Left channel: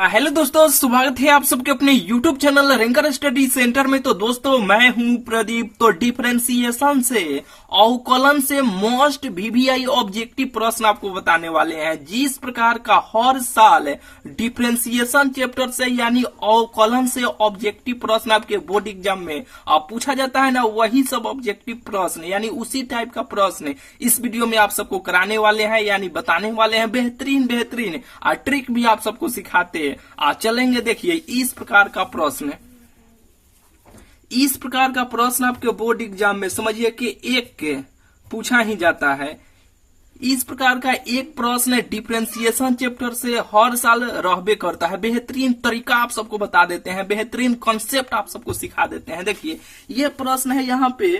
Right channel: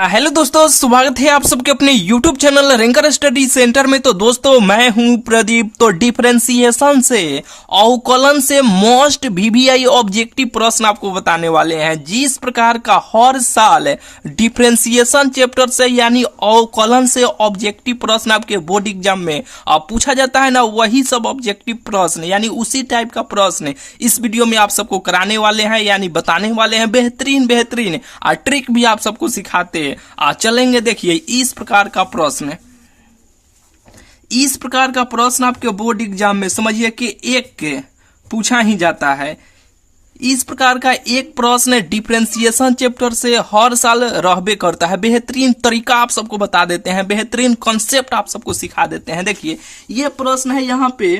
Hello दोस्तों, स्वागत है आप सबके अपने YouTube channel ranker study centre में। तो दोस्तों मैं हूं प्रदीप। तो डिफरेंशिएशन से अवकलन से मोस्ट VBI ऑब्जेक्टिव प्रश्न आपको बताने वाले हैं। जिस प्रकार का हर साल डिफरेंशिएशन चैप्टर से यानी अवकलन से ऑब्जेक्टिव प्रश्न आपके बोर्ड एग्जाम में पूछा जाता है ना, वही सब ऑब्जेक्टिव प्रश्न यानी उसी टाइप का प्रश्न इस वीडियो में आप सबको कराने वाले हैं, यानी बताने वाले हैं। बेहतरीन ट्रिक भी आप सबको सिखाते हैं। चलेंगे। देखिए इस प्रकार का प्रश्न आपके बोर्ड एग्जाम में समझिए कि एक पूछा ही जाता है। इस प्रकार का एक प्रश्न डिफरेंशिएशन चैप्टर से हर साल रहबे करता है। बेहतरीन तरीका आप सबको बता देते हैं, बेहतरीन कॉन्सेप्ट आप सबको सिखा देते हैं। देखिए यह प्रश्न है यहाँ पे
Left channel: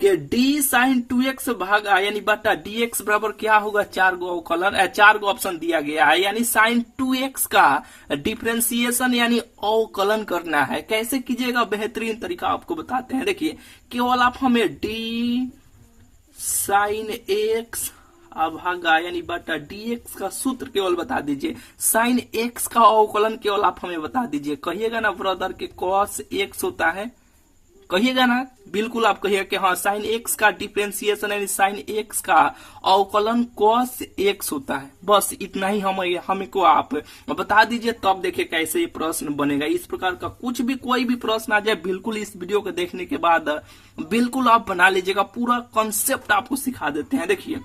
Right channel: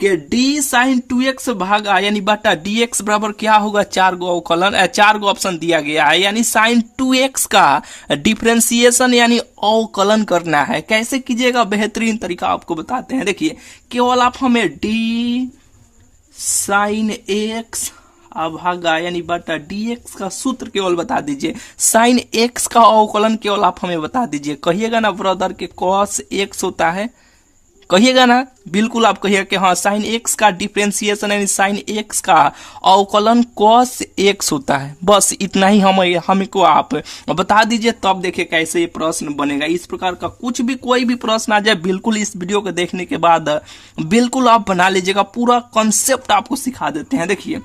कि d sin 2x भागा यानी बटा dx बराबर क्या होगा, चार गो ऑप्शन दिया गया है। यानी sin 2x का डिफरेंशिएशन यानी अवकलन करना है। कैसे कीजिएगा, बेहतरीन तरीका आपको बताते हैं। देखिए केवल आप हमें d sin x भागा यानी बटा dx का सूत्र केवल बता दीजिए। sin x का अवकलन केवल आप हमें बता दीजिए। कहिएगा ना ब्रदर के cos x होता है, कहिएगा ना, बिल्कुल आप कहिएगा कि हाँ साइन एक्स का डिफरेंशिएशन यानी साइन एक्स का अवकलन कॉस एक्स होता है। बस इतना ही हमको आप बता दीजिए, तब देखिए कैसे ये प्रश्न बनेगा। इस प्रकार का कुछ भी कोई भी प्रश्न आ जाए, बिल्कुल इस वीडियो को देखने के बाद बिल्कुल आप बना लीजिएगा। पूरा कॉन्सेप्ट आपको सिखा देते हैं। देखिए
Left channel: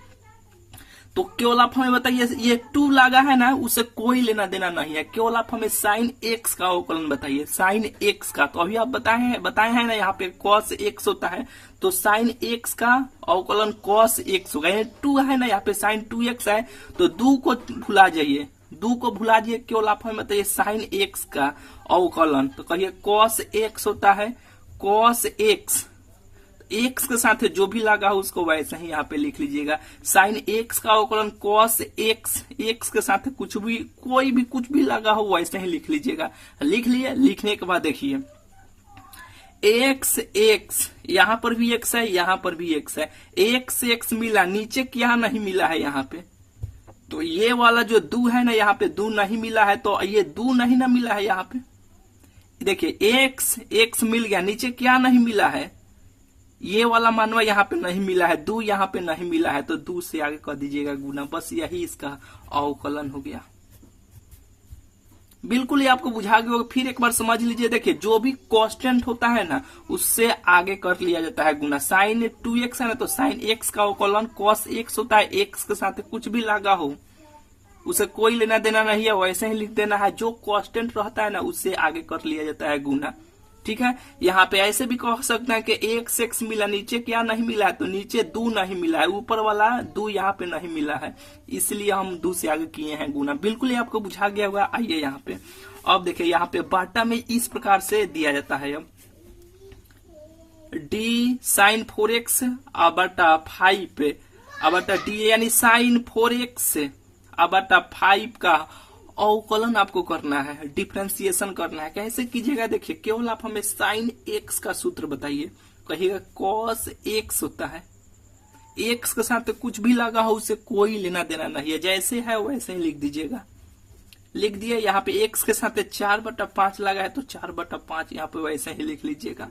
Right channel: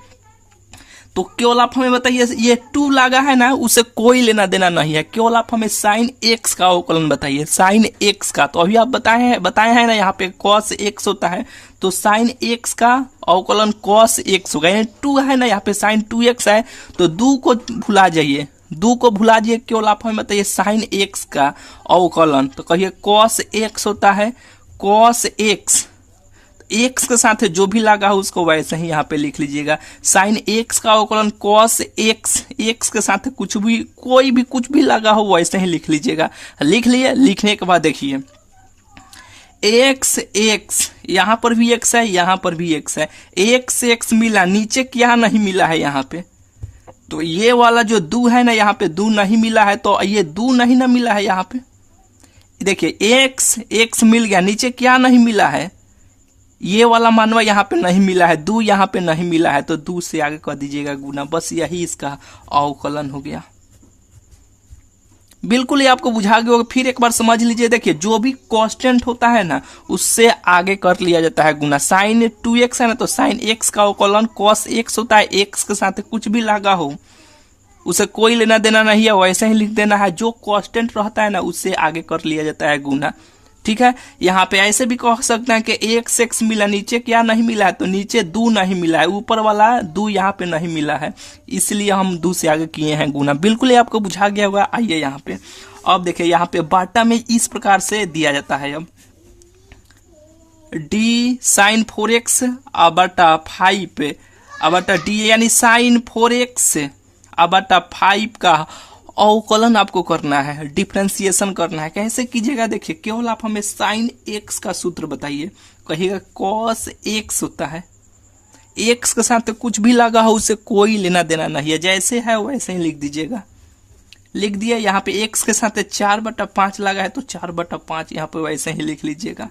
तो केवल आप हमें बताइए, ये 2 लगा है ना, उससे कोई लेना देना नहीं है। केवल आप हमें साइन एक्स का अवकलन बताइए, साइन एक्स का। तो अभी आप बताए हैं ना, यहाँ पे कॉस एक्स होता है, तो साइन एक्स का अवकलन कॉस एक्स होगा। यानी 2 है ना, यहाँ पे साइन 2x है, तो 2 को भुला जाइए, 2 को भुला जाइए। केवल आप हमें बताइए साइन एक्स का अवकलन, तो कहिए कॉस एक्स होता है, कॉस एक्स एक्स के साथ जो भी लगा हो उसको वैसे ही यहाँ पे लिख लीजिएगा। साइन एक्स का अवकलन कॉस एक्स, एक्स के साथ कुछ भी लगा हो वैसे ही लिख लीजिएगा। लिख लिए, लिखने के बाद देखिए एक्स यहाँ पर भी एक्स है, यहाँ पर भी एक्स है। एक्स मिला, नीचे क्या नहीं मिला है यहाँ पे, तो ये वाला जो 2 है ना, यहाँ पे 2 नहीं मिला है, तो ये 2 नहीं ना मिला है यहाँ पे। देखिए एक्स मिल गया, नीचे क्या नहीं मिला है, ये वाला मानवा यहाँ पे नहीं मिला है, 2 यहाँ पे नहीं मिला है, तो 2 से आगे कर दीजिएगा गुना। बस यही इसका अवकलन हो गया। बिल्कुल ये आपको बुझा गया होगा। फिर एक बार समझ लीजिए। देखिए जो भी कांस्टेंट होता है ना, उससे आगे कर लिया जाता है गुना। साइन 2x है ना, तो साइन x का अवकलन cos x होता है। x के साथ कुछ भी लगा हो उसे कोई लेना देना नहीं है, वैसे ही लिख देना है। जो कांस्टेंट रहता है ना, उससे आगे कर लिया जाता है गुना। ठीक है, यहाँ पे ऐसे भी कह सकते हैं कि x मिला, नीचे क्या नहीं मिला है, तो नीचे 2 नहीं मिला है, ऊपर वाला 2 यहाँ पे नहीं मिला है, इसलिए हम 2 से आगे किए हैं गुना। बिल्कुल ये आपको बुझा गया होगा। आइए यहाँ पे अब देखिए, यहाँ पे बाटा में इस प्रकार से दिया जाता है। अब d साइन 4x बटा 5 बटा d यानी साइन 4x बटा 5 का अवकलन आपको करना है, डिफरेंशिएशन करना है। कैसे कीजिएगा, देखिए केवल आप हमें साइन एक्स का सूत्र बताइए। कहिएगा कॉस एक्स होता है, एक्स के साथ कुछ भी लगा हो उससे कोई लेना देना नहीं है, जैसे है वैसे ही लिख दीजिएगा। लिख दिया। यहाँ पे एक्स के साथ 4/5 लगा है, तो 4/5 यहाँ पे वैसे ही लिख लीजिएगा।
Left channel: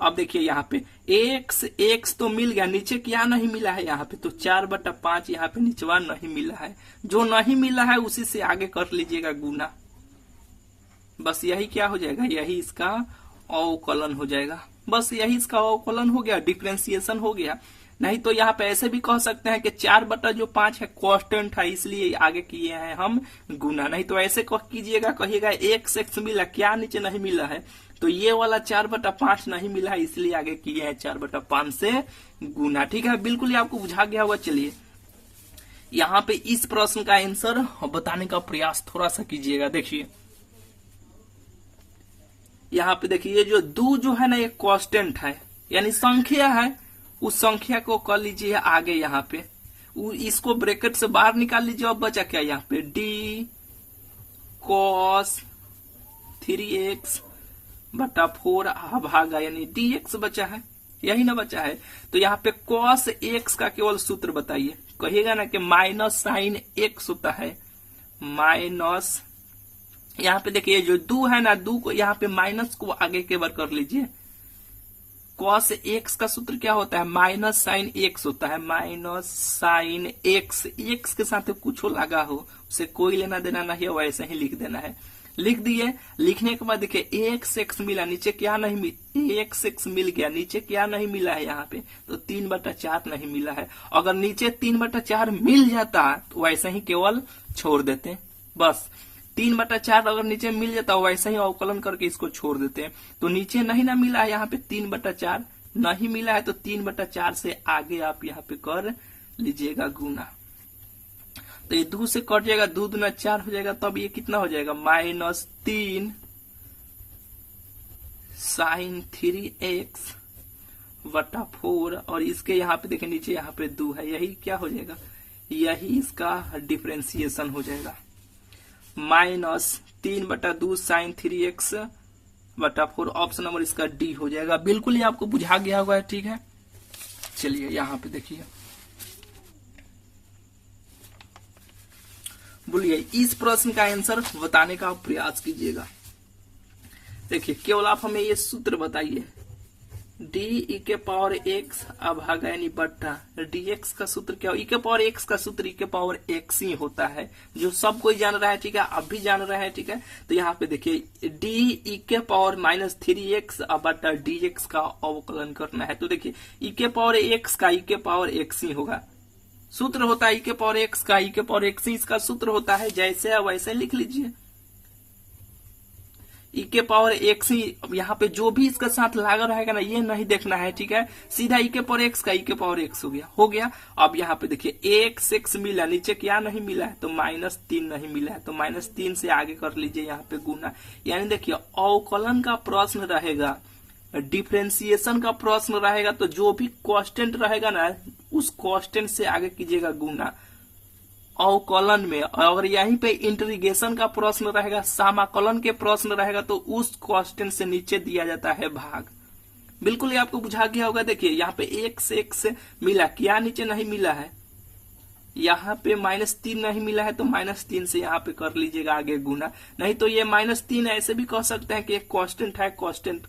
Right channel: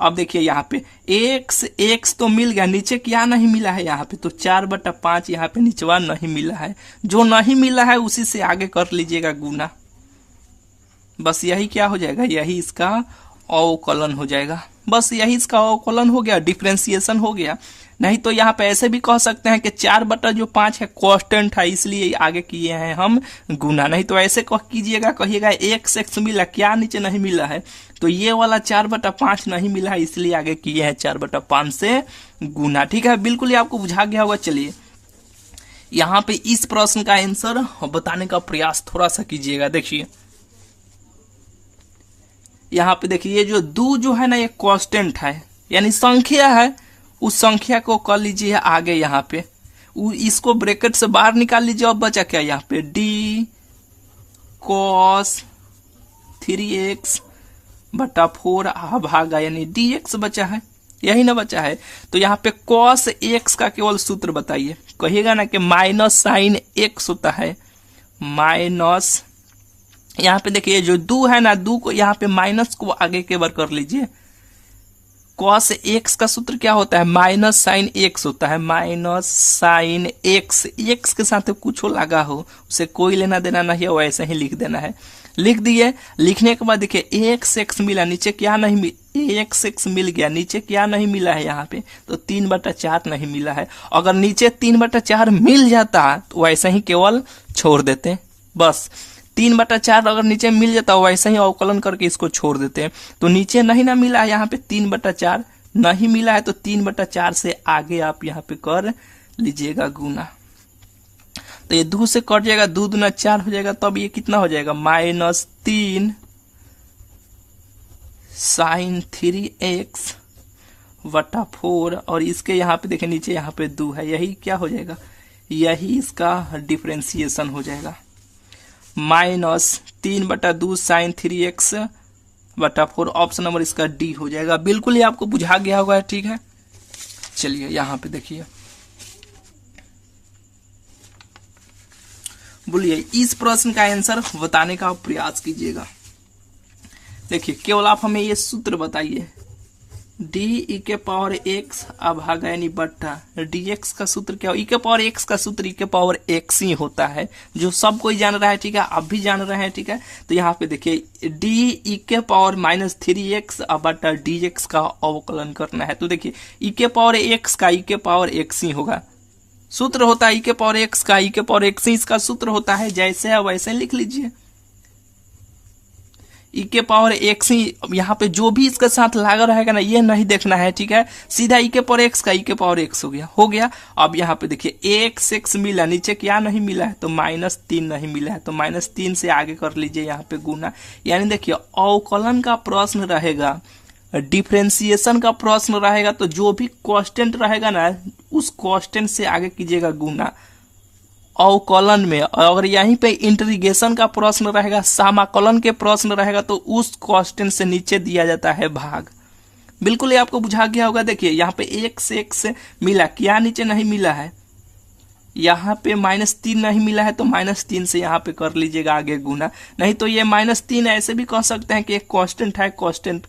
अब देखिए यहाँ पे एक्स तो मिल गया, नीचे क्या नहीं मिला है यहाँ पे, तो 4/5 यहाँ पे नीचवा नहीं मिला है। जो नहीं मिला है उसी से आगे कर लीजिएगा गुना। बस यही क्या हो जाएगा, यही इसका अवकलन हो जाएगा। बस यही इसका अवकलन हो गया, डिफरेंशिएशन हो गया। नहीं तो यहाँ पे ऐसे भी कह सकते हैं कि 4/5 है, कांस्टेंट है, इसलिए आगे किए हैं हम गुना। नहीं तो ऐसे कह कीजिएगा, कहिएगा x मिला, क्या नीचे नहीं मिला है, तो ये वाला 4/5 नहीं मिला है, इसलिए आगे किए हैं 4/5 से गुना। ठीक है, बिल्कुल ये आपको बुझा गया होगा। चलिए यहाँ पे इस प्रश्न का आंसर बताने का प्रयास थोड़ा सा कीजिएगा। देखिए यहाँ पे देखिए, ये जो 2 जो है ना, ये कांस्टेंट है यानी संख्या है। उस संख्या को कर लीजिए आगे, यहाँ पे इसको ब्रैकेट से बाहर निकाल लीजिए। अब बचा क्या यहाँ पे, d cos 3x बटा 4 भागा यानी dx बचा है, यही ना बचा है। तो यहाँ पे cos x का केवल सूत्र बताइए। कहिएगा ना कि माइनस साइन x होता है, माइनस यहाँ पे देखिए जो दू है ना, दू को यहाँ पे माइनस को आगे के बार कर लीजिए। कॉस एक्स का सूत्र क्या होता है, माइनस साइन एक्स होता है, माइनस साइन एक्स। एक्स के साथ कुछ हो लगा हो उसे कोई लेना देना नहीं है, वैसे ही लिख देना है। लिख दिए। लिखने के बाद देखिए एक्स एक्स मिला, नीचे क्या नहीं, एक्स एक्स मिल गया, नीचे क्या नहीं मिला है यहाँ पे, तो 3/4 नहीं मिला है। अगर नीचे 3/4 मिल जाता तो वैसे ही केवल छोड़ देते, बस 3/4 अगर नीचे मिल जाता है वैसे ही अवकलन करके इसको छोड़ देते हैं। तो नीचे नहीं ना मिला है यहाँ पे 3/4 नहीं मिला है, तो 3/4 से आगे आप यहाँ पे कर लीजिएगा गुना। तो ये 2 से कट जाएगा, 2 दूना 4 हो जाएगा, तब ये कितना हो जाएगा, -3 sin 3x बटा 4। और इसके यहाँ पे देखिए नीचे यहाँ पे 2 है, यही क्या हो जाएगा, यही इसका डिफरेंशिएशन हो जाएगा। -3/2 sin 3x बटा 4, ऑप्शन नंबर इसका डी हो जाएगा। बिल्कुल ही आपको बुझा गया होगा, ठीक है। चलिए यहाँ पे देखिए, बोलिए इस प्रश्न का आंसर बताने का प्रयास कीजिएगा। देखिए केवल आप हमें ये सूत्र बताइए, डी ई के पावर एक्स अभागा यानी बट्टा dx का सूत्र क्या हो, ई के पावर एक्स का सूत्र ई के पावर एक्स ही होता है, जो सब कोई जान रहा है, ठीक है, आप भी जान रहे हैं, ठीक है। तो यहाँ पे देखिए डी ई के पावर -3x बट्टा dx का अवकलन करना है। तो देखिए ई के पावर एक्स का ई के पावर एक्स ही होगा, सूत्र होता है ई के पावर एक्स का ई के पावर एक्स ही इसका सूत्र होता है, जैसे है वैसे लिख लीजिए। ई के पावर एक्स ही यहाँ पे जो भी इसके साथ लगा रहेगा ना, ये नहीं देखना है, ठीक है। सीधा ई के पावर एक्स का ई के पावर एक्स हो गया। अब यहाँ पे देखिए एक्स एक्स मिला, नीचे क्या नहीं मिला है, तो -3 नहीं मिला है, तो -3 से आगे कर लीजिए यहाँ पे गुना। यानी देखिए अवकलन का प्रश्न रहेगा, डिफरेंशिएशन का प्रश्न रहेगा, तो जो भी कांस्टेंट रहेगा ना उस कांस्टेंट से आगे कीजिएगा गुना अवकलन में। अगर यहीं पे इंटीग्रेशन का प्रश्न रहेगा, समाकलन के प्रश्न रहेगा, तो उस कांस्टेंट से नीचे दिया जाता है भाग। बिल्कुल ये आपको बुझा गया होगा। देखिए यहाँ पे एक्स एक्स मिला, क्या नीचे नहीं मिला है, यहाँ पे -3 नहीं मिला है, तो -3 से यहाँ पे कर लीजिएगा आगे गुना। नहीं तो ये -3 ऐसे भी कह सकते हैं कि एक कांस्टेंट है, कांस्टेंट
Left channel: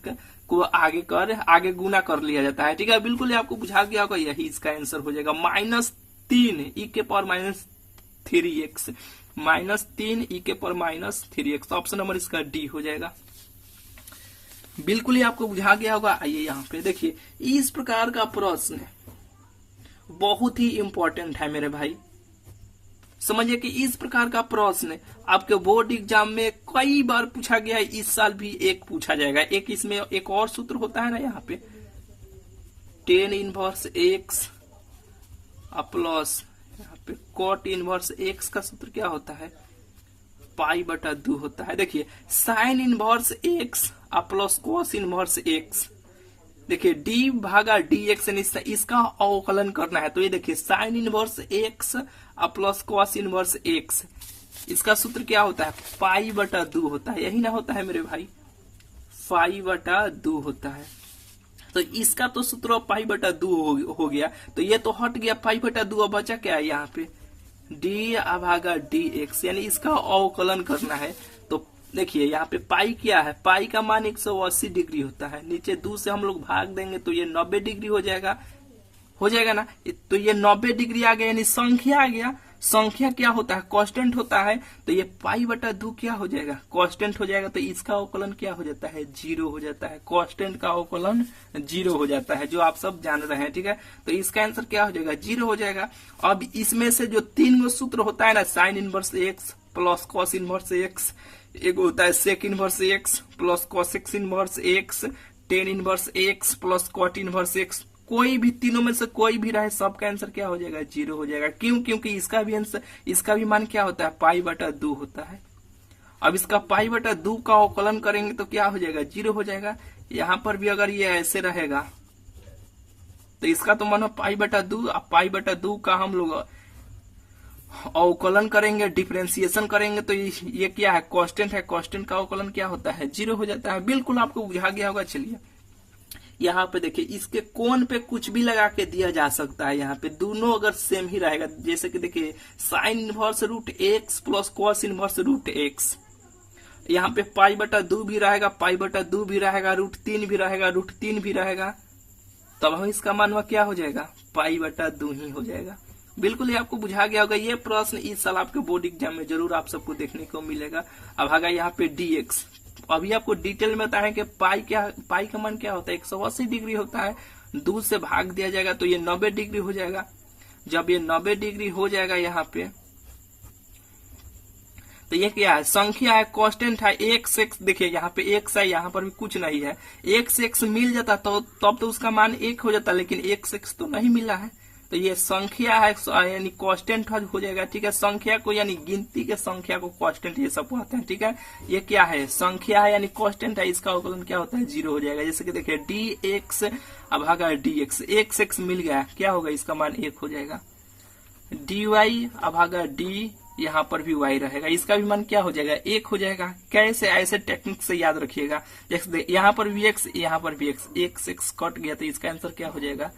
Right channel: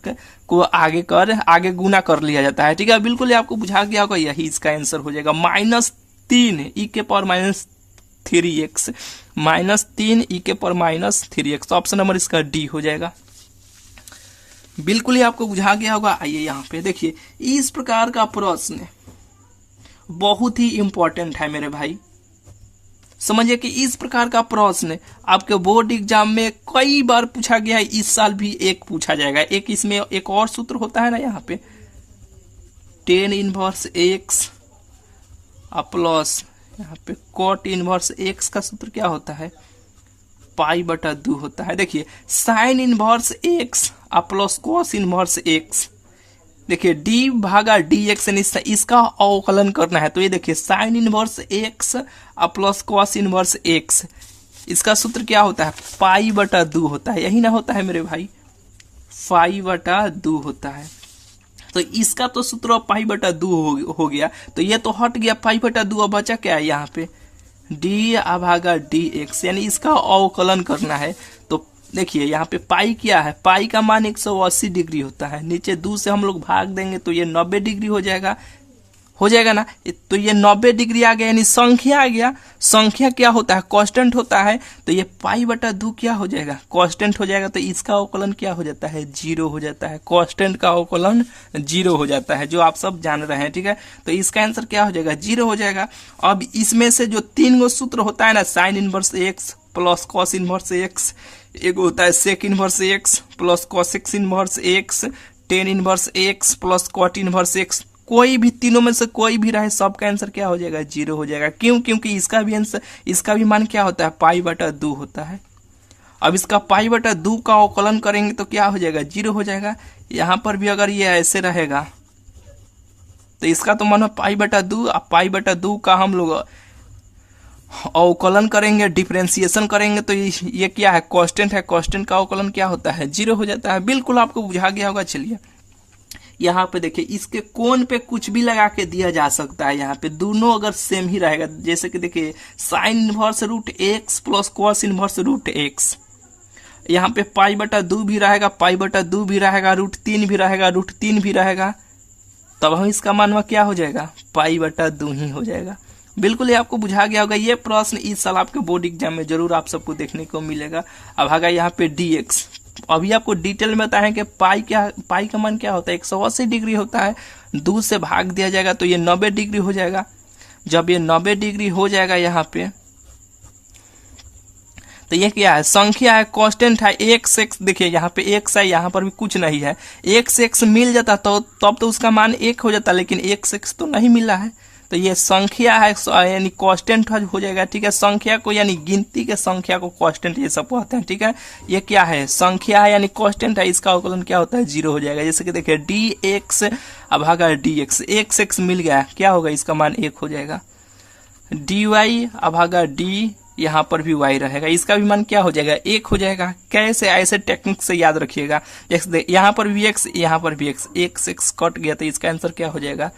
को आगे गुना कर लिया जाता है, ठीक है। बिल्कुल ये आपको बुझा गया होगा, यही इसका आंसर हो जाएगा। -3 ई के पावर -3x, -3 ई के पावर -3x, ऑप्शन नंबर इसका डी हो जाएगा। बिल्कुल ही आपको बुझा गया होगा। आइए यहाँ पे देखिए, इस प्रकार का प्रश्न बहुत ही इंपॉर्टेंट है मेरे भाई, समझिए कि इस प्रकार का प्रश्न आपके बोर्ड एग्जाम में कई बार पूछा गया है, इस साल भी एक पूछा जाएगा। एक इसमें एक और सूत्र होता है ना, यहाँ पे tan इनवर्स x प्लस यहाँ पे cot इनवर्स x का सूत्र क्या होता है, π/2 होता है। देखिए sin inverse x plus cos inverse x, देखिए d भागा dx इसका अवकलन करना है। तो ये देखिए sin inverse x plus cos inverse x, इसका सूत्र क्या होता है, π/2 होता है, यही ना होता है मेरे भाई, π/2 होता है। तो इसका तो सूत्र π/2 हो गया, तो ये तो हट गया π/2, अब बचा क्या है यहाँ पे d भागा dx, यानी इसका अवकलन करना है। तो देखिए यहाँ पे पाई क्या है, पाई का मान 180 डिग्री होता है, नीचे 2 से हम लोग भाग देंगे तो ये 90 डिग्री हो जाएगा ना। तो ये 90 डिग्री आ गया, यानी संख्या आ गया। संख्या क्या होता है, कांस्टेंट होता है, तो ये π/2 क्या हो जाएगा, कांस्टेंट हो जाएगा। तो इसका अवकलन क्या हो जाता है, 0 हो जाता है। कांस्टेंट का अवकलन 0 हो जाता है, जो आप सब जान रहे हैं, ठीक है। तो इसका आंसर क्या हो जाएगा, 0 हो जाएगा। अब इसमें से जो 3 गो सूत्र होता है ना, sine inverse x plus cos inverse x, एक होता है sec inverse x plus cosec inverse x, tan inverse x plus cot inverse x, कोई भी तीनों में से कोई भी रहे, सबका आंसर क्या हो जाएगा, 0 हो जाएगा। क्यों, क्योंकि इसका भी आंसर, इसका भी मान क्या होता है, π/2 होता है। अब इसका π/2 का अवकलन करेंगे तो क्या हो जाएगा, 0 हो जाएगा। यहाँ पर भी अगर ये ऐसे रहेगा तो इसका तो मान π/2, अब π/2 का हम लोग अवकलन करेंगे, डिफरेंशिएशन करेंगे, तो ये क्या है, कांस्टेंट है, कांस्टेंट का अवकलन क्या होता है, 0 हो जाता है। बिल्कुल आपको बुझा गया होगा। चलिए यहाँ पे देखिए, इसके कोण पे कुछ भी लगा के दिया जा सकता है। यहाँ पे दोनों अगर सेम ही रहेगा, जैसे कि देखिए sign inverse √x plus cos inverse √x, यहाँ पे पाई बटा 2 भी रहेगा, पाई बटा 2 भी रहेगा, √3 भी रहेगा, √3 भी रहेगा, तब हम इसका मान क्या हो जाएगा, पाई बटा 2 ही हो जाएगा। बिल्कुल ये आपको बुझा गया होगा। ये प्रश्न इस साल आपके बोर्ड एग्जाम में जरूर आप सबको देखने को मिलेगा। अब आगा यहाँ पे dx, अभी आपको डिटेल में बताएं कि पाई का मान क्या होता है, 180 डिग्री होता है। 2 से भाग दिया जाएगा तो ये 90 डिग्री हो जाएगा। जब ये 90 डिग्री हो जाएगा यहाँ पे, तो ये क्या है, संख्या है, कांस्टेंट है, x देखिए यहाँ पे x है, यहाँ पर भी कुछ नहीं है। x मिल जाता तो तब तो उसका मान 1 हो जाता, लेकिन x तो नहीं मिला है, तो ये संख्या है यानी कांस्टेंट हो जाएगा। ठीक है, संख्या को यानी गिनती के संख्या को कांस्टेंट ये सब कहते हैं। ठीक है, ये क्या है, संख्या है यानी कांस्टेंट है, इसका अवकलन क्या होता है, 0 हो जाएगा। जैसे कि देखिए dx अब भागा dx, x मिल गया, क्या होगा, इसका मान 1 हो जाएगा। dy अब भागा d, यहाँ पर भी y रहेगा, इसका भी मान क्या हो जाएगा, 1 हो जाएगा। कैसे, ऐसे टेक्निक से याद रखिएगा। यहाँ पर भी x, यहाँ पर भी x कट गया तो इसका आंसर क्या हो जाएगा,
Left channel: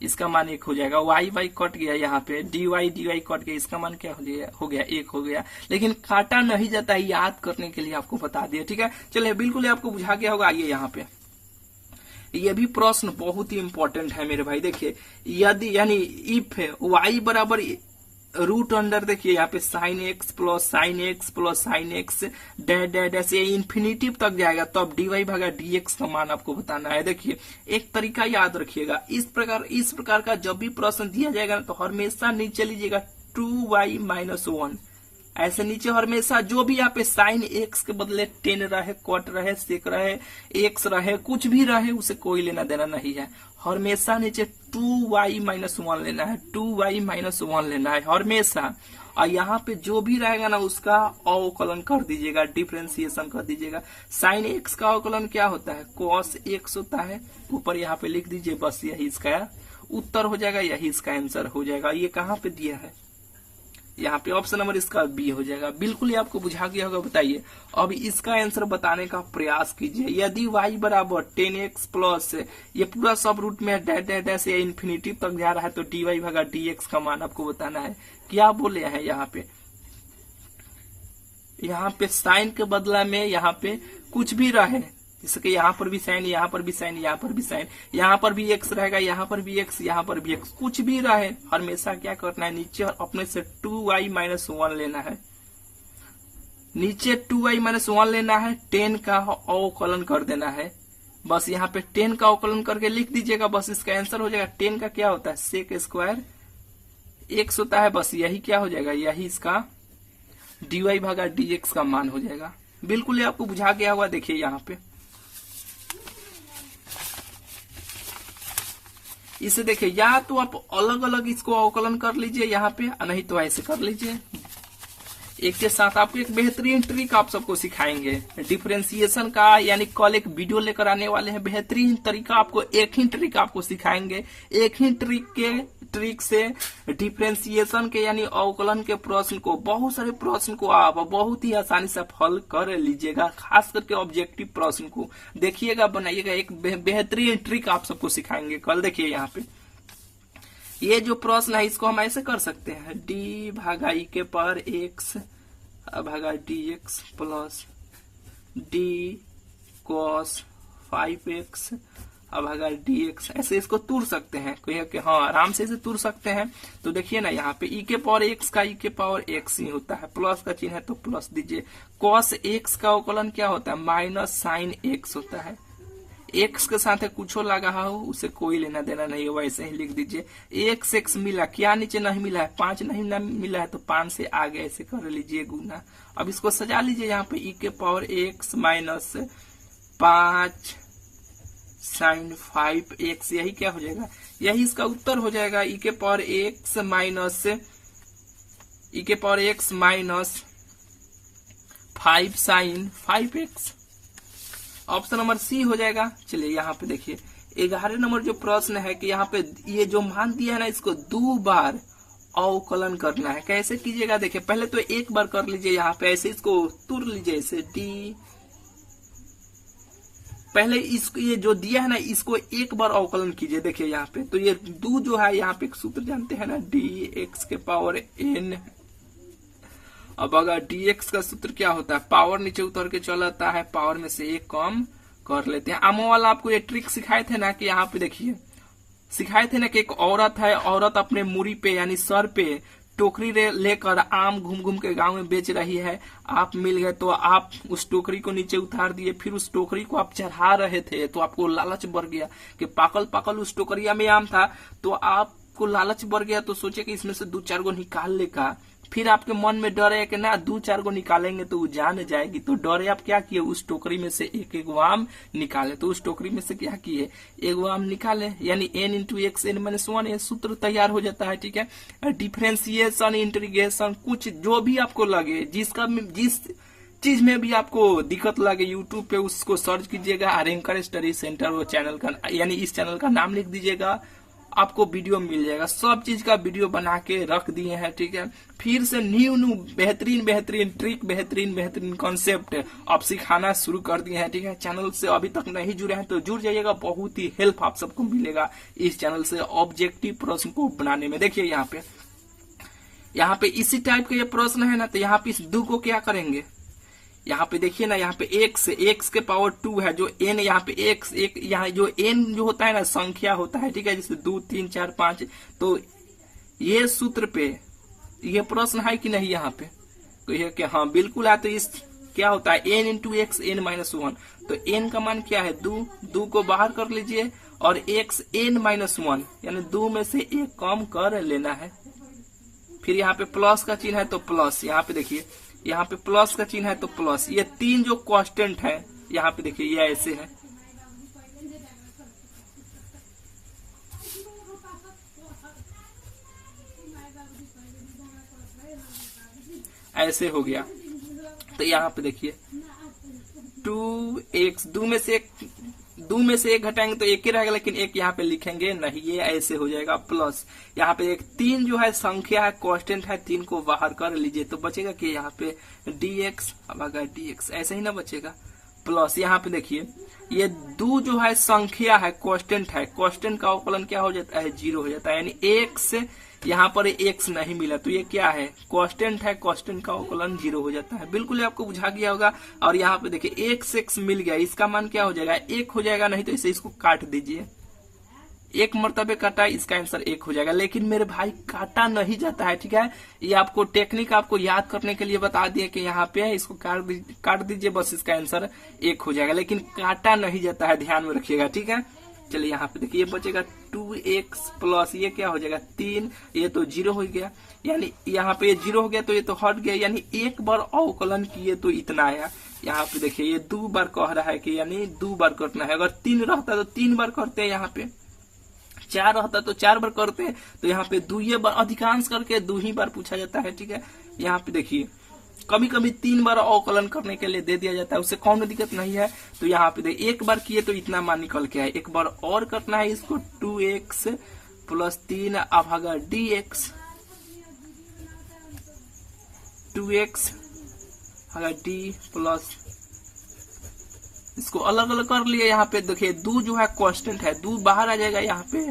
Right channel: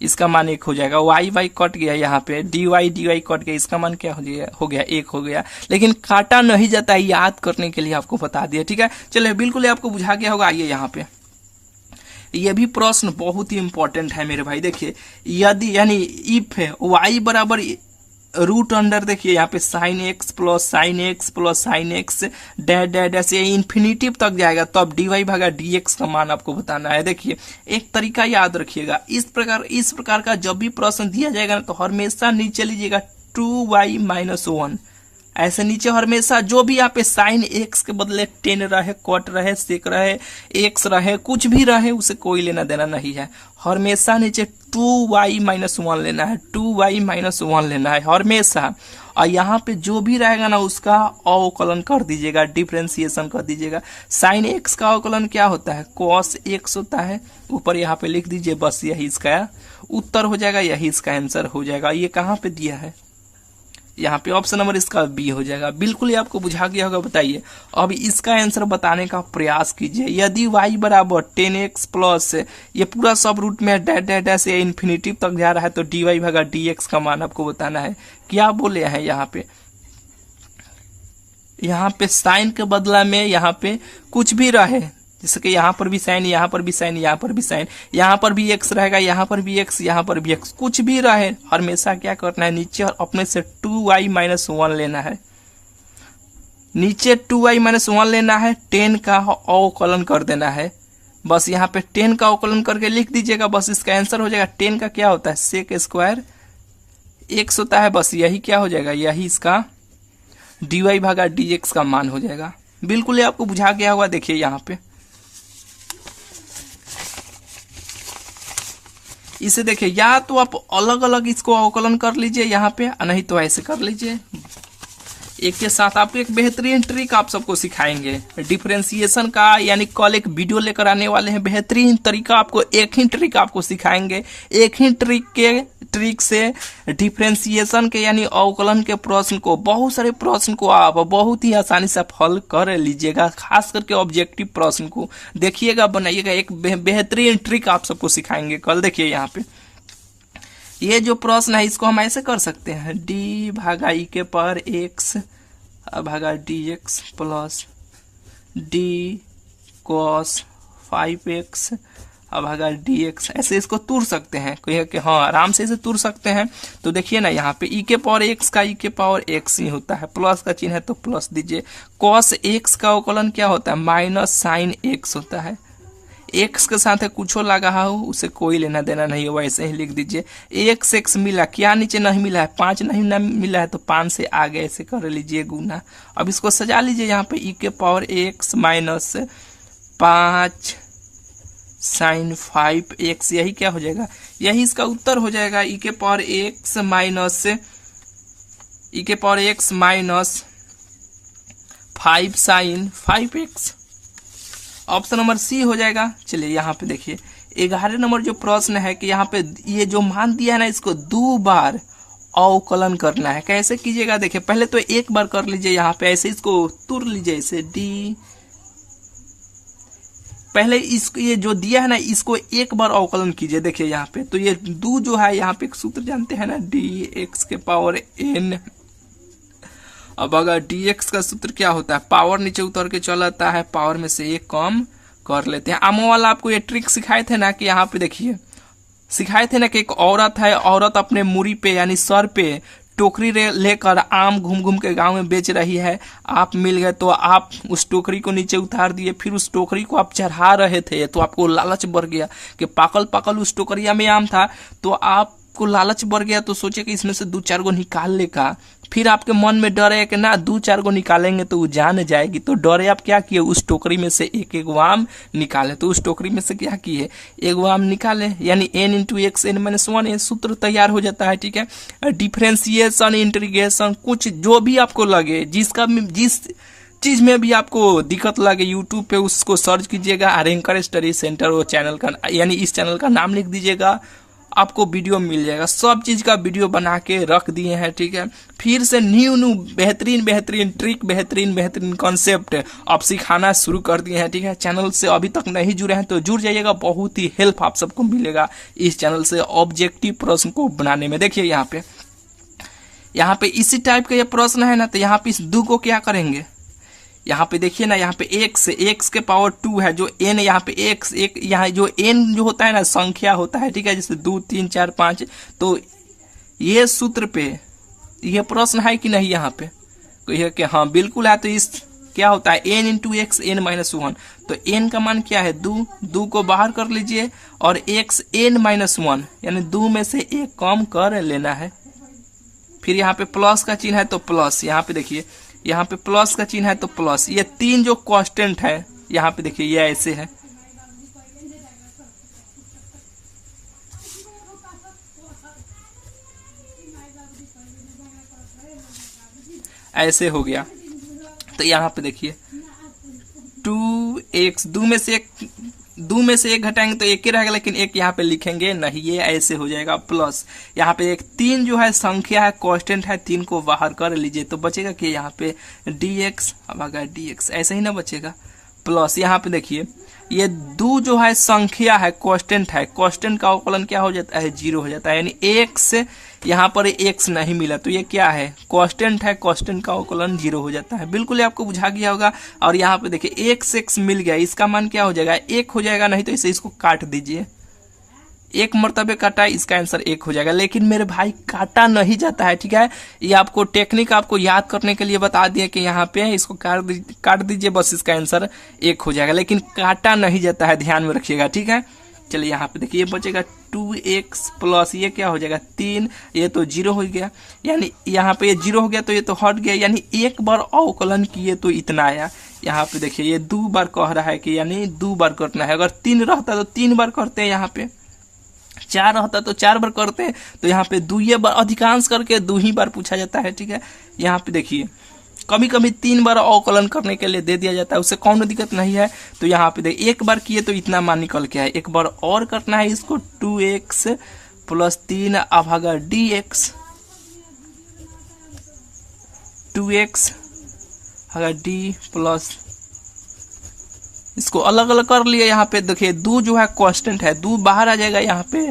इसका मान 1 हो जाएगा। y कट गया, यहाँ पे dy कट गया, इसका मान क्या हो गया 1 हो गया। लेकिन काटा नहीं जाता है, याद करने के लिए आपको बता दिया। ठीक है, चलिए बिल्कुल आपको बुझा गया होगा। आइए यहाँ पे ये भी प्रश्न बहुत ही इंपॉर्टेंट है मेरे भाई। देखिए यदि यानी इफ है y बराबर रूट अंडर, देखिए यहाँ पे sine x plus sine x dash dash dash ये इन्फिनिटिव तक जाएगा, तो अब dy भागा dx का मान आपको बताना है। देखिए एक तरीका याद रखिएगा, इस प्रकार का जब भी प्रश्न दिया जाएगा ना, तो हमेशा नीचे लीजिएगा 2y - 1, ऐसे नीचे हमेशा जो भी यहाँ पे साइन एक्स के बदले 10 रहे, कट रहे, सेक रहे, एक्स रहे, कुछ भी रहे, उसे कोई लेना देना नहीं है। हमेशा नीचे 2y - 1 लेना है, 2y - 1 लेना है हमेशा। और यहाँ पे जो भी रहेगा ना उसका अवकलन कर दीजिएगा, डिफरेंशिएशन कर दीजिएगा। साइन एक्स का अवकलन क्या होता है, cos x होता है, ऊपर यहाँ पे लिख दीजिए, बस यही इसका उत्तर हो जाएगा, यही इसका आंसर हो जाएगा। ये कहाँ पे दिया है, यहाँ पे ऑप्शन नंबर इसका बी हो जाएगा। बिल्कुल ये आपको बुझा गया होगा। बताइए अब इसका आंसर बताने का प्रयास कीजिए। यदि y बराबर 10x प्लस ये पूरा सब रूट में डैश डैश डैश ये इन्फिनिटिव तक जा रहा है, तो dy भागा dx का मान आपको बताना है। क्या बोले हैं यहाँ पे साइन के बदला में यहाँ पे कुछ भी रहे, जैसे कि यहाँ पर भी साइन, यहाँ पर भी साइन, यहाँ पर भी साइन, यहाँ पर भी x रहेगा, यहाँ पर भी x, यहाँ पर भी x, कुछ भी रहे हमेशा क्या करना है, नीचे अपने से 2y - 1 लेना है। नीचे 2y - 1 लेना है, 10 का अवकलन कर देना है। बस यहाँ पे 10 का अवकलन करके लिख दीजिएगा, बस इसका आंसर हो जाएगा। 10 का क्या होता है, सेक स्क्वायर x होता है, बस यही क्या हो जाएगा, यही इसका dy भागा dx का मान हो जाएगा। बिल्कुल ये आपको बुझा गया होगा। देखिए यहाँ पे इसे देखिए, या तो आप अलग अलग इसको अवकलन कर लीजिए यहाँ पे, नहीं तो ऐसे कर लीजिए। एक के साथ आपको एक बेहतरीन ट्रिक आप सबको सिखाएंगे डिफरेंशिएशन का, यानी कल एक वीडियो लेकर आने वाले हैं, बेहतरीन तरीका आपको, एक ही ट्रिक आपको सिखाएंगे। एक ही ट्रिक से डिफरेंशिएशन के यानी अवकलन के प्रश्न को, बहुत सारे प्रश्न को आप बहुत ही आसानी से हल कर लीजिएगा। खास करके ऑब्जेक्टिव प्रश्न को देखिएगा, बनाइएगा। एक बेहतरीन ट्रिक आप सबको सिखाएंगे कल। देखिए यहाँ पे ये जो प्रश्न है इसको हम ऐसे कर सकते हैं, d भागा e के पावर x भागा dx plus d cos 5x भागा dx, ऐसे इसको तोड़ सकते हैं कि हाँ आराम से इसे तोड़ सकते हैं। तो देखिए ना यहाँ पे e के पावर x का e के पावर x ही होता है, प्लस का चिन्ह है तो प्लस दीजिए। cos x का अवकलन क्या होता है, माइनस साइन x होता है। x के साथ कुछ लगा हो उसे कोई लेना देना नहीं है, वैसे ही लिख दीजिए। x मिला, क्या नीचे नहीं मिला है, 5 नहीं मिला है, तो 5 से आगे ऐसे कर लीजिए गुना। अब इसको सजा लीजिए यहाँ पे e के power x minus 5 sine 5x, यही क्या हो जाएगा, यही इसका उत्तर हो जाएगा। e के power x minus 5 sine 5x, option number C हो जाएगा। चलिए यहाँ पे देखिए 11 नंबर जो प्रश्न है कि यहाँ पे ये जो मान दिया है ना, इसको 2 बार अवकलन करना है। कैसे कीजिएगा, देखिए पहले तो एक बार कर लीजिए, यहाँ पे ऐसे इसको तुर लीजिए, ऐसे d, पहले इसको ये जो दिया है ना इसको एक बार अवकलन कीजिए। देखिए यहाँ पे तो ये 2 जो है, यहाँ पे एक सूत्र जानते हैं ना, dx के पावर n अब अगर dx का सूत्र क्या होता है, पावर नीचे उतर के चल आता है, पावर में से एक कम कर लेते हैं। आमो वाला आपको ये ट्रिक सिखाए थे ना कि यहाँ पे देखिए सिखाए थे ना कि एक औरत है, औरत अपने मुड़ी पे यानी सर पे टोकरी लेकर आम घूम घूम के गांव में बेच रही है। आप मिल गए तो आप उस टोकरी को नीचे उतार दिए, फिर उस टोकरी को आप चढ़ा रहे थे तो आपको लालच बढ़ गया कि पाकल पाकल उस टोकरिया में आम था, तो आपको लालच बढ़ गया तो सोचे कि इसमें से 2-4 गो निकाल ले का। फिर आपके मन में डर है कि ना 2-4 गो निकालेंगे तो वो जान जाएगी, तो डरे आप क्या किए, उस टोकरी में से एक एक आम निकाले। तो उस टोकरी में से क्या किए, एक आम निकाले, यानी n × x n-1 ये सूत्र तैयार हो जाता है। ठीक है, डिफरेंशिएशन, इंटीग्रेशन, कुछ जो भी आपको लगे, जिस चीज में भी आपको दिक्कत लगे यूट्यूब पे उसको सर्च कीजिएगा, रैंकर स्टडी सेंटर, वो चैनल का यानी इस चैनल का नाम लिख दीजिएगा, आपको वीडियो मिल जाएगा। सब चीज का वीडियो बना के रख दिए हैं। ठीक है, फिर से न्यू बेहतरीन ट्रिक, बेहतरीन कॉन्सेप्ट आप सिखाना शुरू कर दिए हैं। ठीक है, चैनल से अभी तक नहीं जुड़े हैं तो जुड़ जाइएगा, बहुत ही हेल्प आप सबको मिलेगा इस चैनल से ऑब्जेक्टिव प्रश्न को बनाने में। देखिए यहाँ पे इसी टाइप का ये प्रश्न है ना, तो यहाँ पे इस 2 को क्या करेंगे, यहाँ पे देखिए ना, यहाँ पे x के पावर 2 है, जो n यहाँ पे x एक, यहाँ जो n जो होता है ना संख्या होता है। ठीक है, जैसे 2 3 4 5, तो ये सूत्र पे ये प्रश्न है कि नहीं, यहाँ पे तो यह कि हाँ बिल्कुल है। तो इस क्या होता है n × x n-1, तो n का मान क्या है 2 को बाहर कर लीजिए और x n-1 यानी 2 में से 1 कम कर लेना है। फिर यहाँ पे प्लस का चिन्ह है तो प्लस, यहाँ पे देखिए यहाँ पे प्लस का चिन्ह है तो प्लस, ये 3 जो कांस्टेंट है यहाँ पे देखिए ये ऐसे है, ऐसे हो गया। तो यहाँ पे देखिए 2x, 2 में से एक घटाएंगे तो एक ही रहेगा, लेकिन एक यहाँ पे लिखेंगे नहीं, ये ऐसे हो जाएगा प्लस। यहाँ पे एक 3 जो है संख्या है, कांस्टेंट है, 3 को बाहर कर लीजिए तो बचेगा कि यहाँ पे dx, अब अगर dx ऐसे ही ना बचेगा प्लस। यहाँ पे देखिए ये 2 जो है संख्या है, कांस्टेंट है, कांस्टेंट का अवकलन क्या हो जाता है 0 हो जाता है, यानी x यहाँ पर x नहीं मिला तो ये क्या है कांस्टेंट है, कांस्टेंट का अवकलन 0 हो जाता है। बिल्कुल आपको बुझा गया होगा। और यहाँ पे देखिए x मिल गया, इसका मान क्या हो जाएगा 1 हो जाएगा, नहीं तो इसे इसको काट दीजिए, 1 मरतबे काटा, इसका आंसर 1 हो जाएगा। लेकिन मेरे भाई काटा नहीं जाता है। ठीक है, ये आपको टेक्निक आपको याद करने के लिए बता दिए कि यहाँ पे इसको काट दीजिए, बस इसका आंसर 1 हो जाएगा, लेकिन काटा नहीं जाता है, ध्यान में रखिएगा। ठीक है, चलिए यहाँ पे देखिए ये बचेगा 2x प्लस ये क्या हो जाएगा 3, ये तो 0 हो गया, यानी यहाँ पे ये 0 हो गया तो ये तो हट गया, यानी एक बार अवकलन किए तो इतना आया। यहाँ पे देखिए ये 2 बार कह रहा है कि यानी 2 बार करना है, अगर 3 रहता तो 3 बार करते हैं, यहाँ पे 4 रहता तो 4 बार करते हैं, तो यहाँ पे 2 बार अधिकांश करके 2 ही बार पूछा जाता है। ठीक है, यहाँ पे देखिए कभी कभी 3 बार अवकलन करने के लिए दे दिया जाता है, उससे कौन दिक्कत नहीं है। तो यहाँ पे देखिए 1 बार किए तो इतना मान निकल के आए, 1 बार और करना है इसको 2x प्लस 3 अभागा dx, 2x अगर d प्लस, इसको अलग अलग कर लिया। यहाँ पे देखिए 2 जो है कांस्टेंट है, 2 बाहर आ जाएगा, यहाँ पे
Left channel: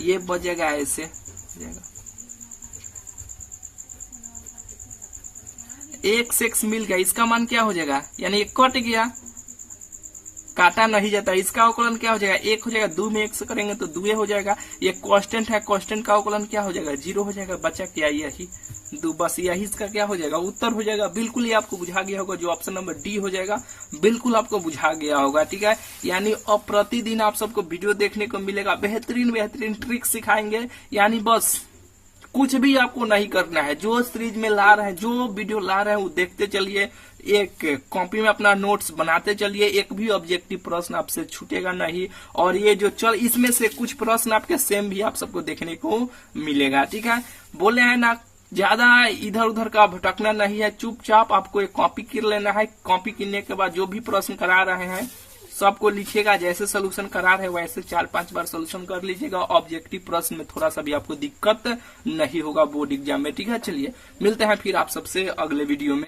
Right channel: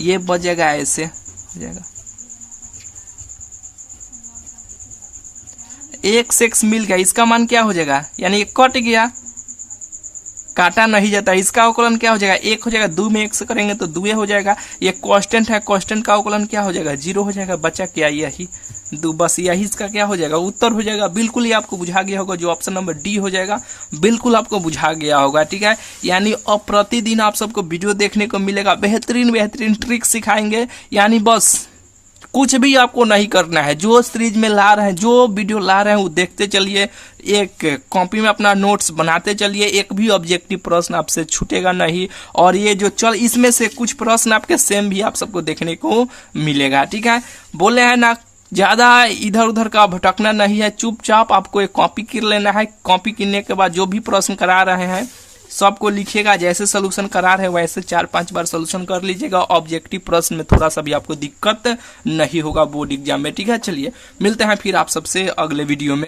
ये बचेगा, ऐसे हो जाएगा, x मिल गया, इसका मान क्या हो जाएगा, यानी ये कट गया, काटा नहीं जाता, इसका अवकलन क्या हो जाएगा 1 हो जाएगा, 2 में 1 से करेंगे तो 2 हो जाएगा। ये कांस्टेंट है, कांस्टेंट का अवकलन क्या हो जाएगा 0 हो जाएगा, बचा क्या यही 2, बस यही इसका क्या हो जाएगा उत्तर हो जाएगा। बिल्कुल ही आपको बुझा गया होगा, जो ऑप्शन नंबर डी हो जाएगा बिल्कुल आपको बुझा गया होगा। ठीक है, यानी अब प्रतिदिन आप सबको वीडियो देखने को मिलेगा, बेहतरीन ट्रिक सिखाएंगे, यानी बस कुछ भी आपको नहीं करना है, जो सीरीज में ला रहे हैं, जो वीडियो ला रहे हैं वो देखते चलिए, एक कॉपी में अपना नोट्स बनाते चलिए, एक भी ऑब्जेक्टिव प्रश्न आपसे छूटेगा नहीं। और ये जो इसमें से कुछ प्रश्न आपके सेम भी आप सबको देखने को मिलेगा। ठीक है, बोले हैं ना ज्यादा इधर उधर का भटकना नहीं है, चुपचाप आपको एक कॉपी कर लेना है। कॉपी करने के बाद जो भी प्रश्न करा रहे हैं सबको लिखिएगा, जैसे सोल्यूशन करा रहे हैं वैसे 4-5 बार सोल्यूशन कर लीजिएगा। ऑब्जेक्टिव प्रश्न में थोड़ा सा भी आपको दिक्कत नहीं होगा बोर्ड एग्जाम में। ठीक है, चलिए मिलते हैं फिर आप सबसे अगले वीडियो में।